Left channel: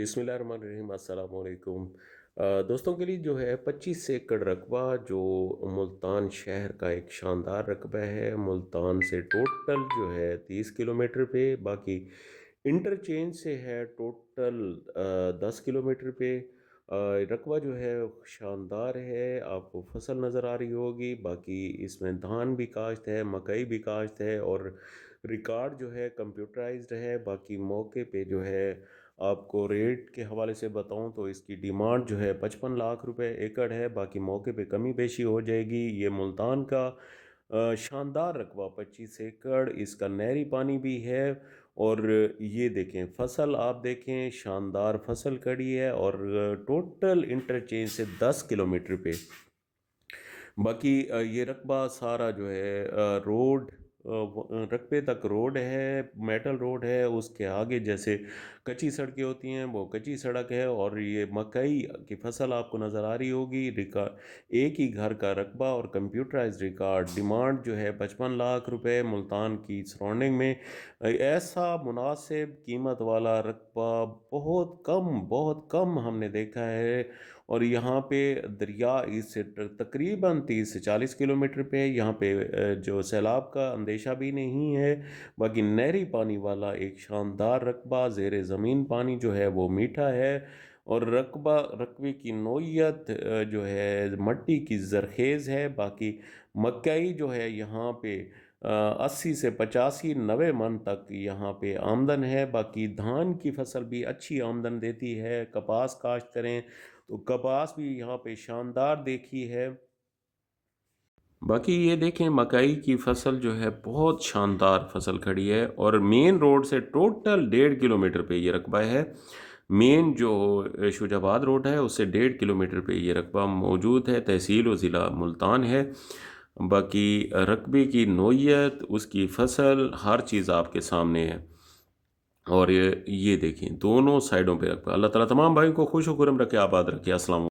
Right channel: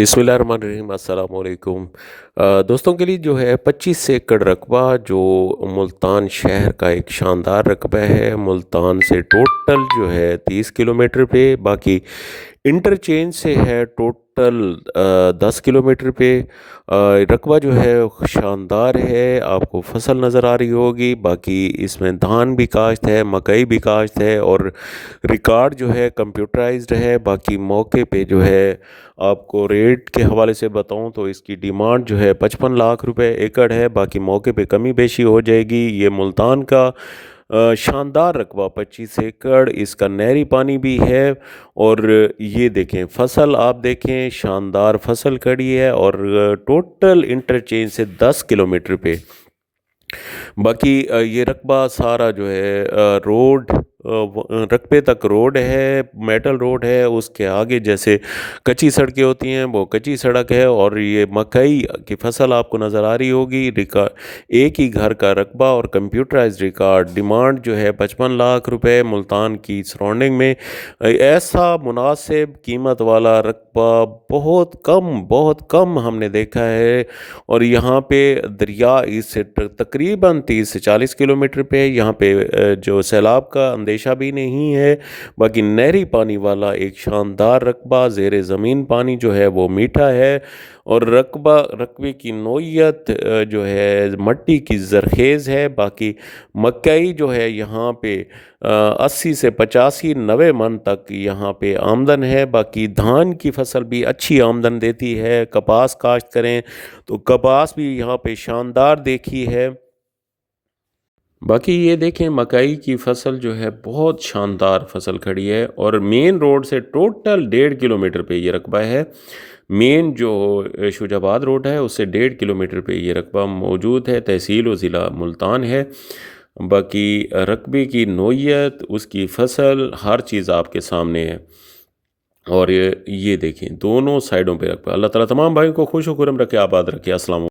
बिस्मिल्लाहिर्रहमानिर्रहीम अस्सलाम वालेकुम। दोस्तों के लिए जो है 25 एकड़ रकबा जो मुल्तान शहर का एक शानदार रकबा है। मुल्तान से टोटल जो है 30 किलोमीटर पे, बाकी इंटरचेंज से है टोटल 10 किलोमीटर पे। रकबा जो है शानदार है, आपको फसल नज़र आ रही होगी। बाकी इसमें धान भी काश्त है, मकई भी काश्त है और रिकॉर्ड जो है कंप्यूटराइज्ड है। बाकी मौके पे जो है आपको रेट के हवाले से बताऊं तो इसकी डिमांड जो है 55 लाख रुपए एकड़ है। बाकी मौके पे कमी बेशी हो जाएगी। ये मुल्तान का शानदार रकबा 25 एकड़, इसका नहरी पानी भी है। और ये देखें फसल, आप देखें शानदार फसल खड़ी है और टोटल इंटरचेंज से 10 किलोमीटर पे। बाकी ये रकबा सारा जो है रोड, रकबे तक रोड है, मेटल रोड है। उसके आगे जैसे कच्ची सड़कें होती हैं वो कच्ची सड़क है। और ये मकई की फसल आपको नज़र आ रही होगी। रिकॉर्ड एक ही घर का रकबा और कंप्यूटराइज रिकॉर्ड। डिमांड जो है 55 लाख रुपए मुल्तान की सराउंडिंग में। ऐसा मुनासिब कीमत वाला रकबा बहुत कम हमने देखा है। और यहाँ पे दरिया इससे तकरीबन 30 से 40 किलोमीटर पे है। यहाँ पे जो सैलाब का अंदेशा भी नहीं है। बाकी नहरी पानी वाला एक शानदार रकबा, ज़ेर ज़मीन पानी जो है वो मीठा है। और रकबे की नोयत जो है मट्टी की जरखेज़ है। बाकी मकई जो है यहाँ पे 80 से 85 90 मन तक यहाँ पे आमदन है। बाकी धान की फसल भी अच्छी आमदन देती है। कपास काश्त करें तो कपास भी यहाँ पे शानदार देखी है। बाकी ये देखें मकई की फसल जो है बहुत शानदार फसल खड़ी है। और मेन रोड से टोटल 1.5 किलोमीटर पे ये रकबा है। मेन जो शुजाबाद रोड है उससे 1.5 किलोमीटर पे ये रकबा मौजूद है। तहसील व ज़िला मुल्तान है। बाकी रकबे की नोयत, उसकी फसल, हर चीज़ आपके सामने है। और ये देखें दोनों साइडों पे रकबा। अल्लाह ताला तमाम भाइयों को खुश व खुरम रखे, आबाद रखे। अस्सलाम।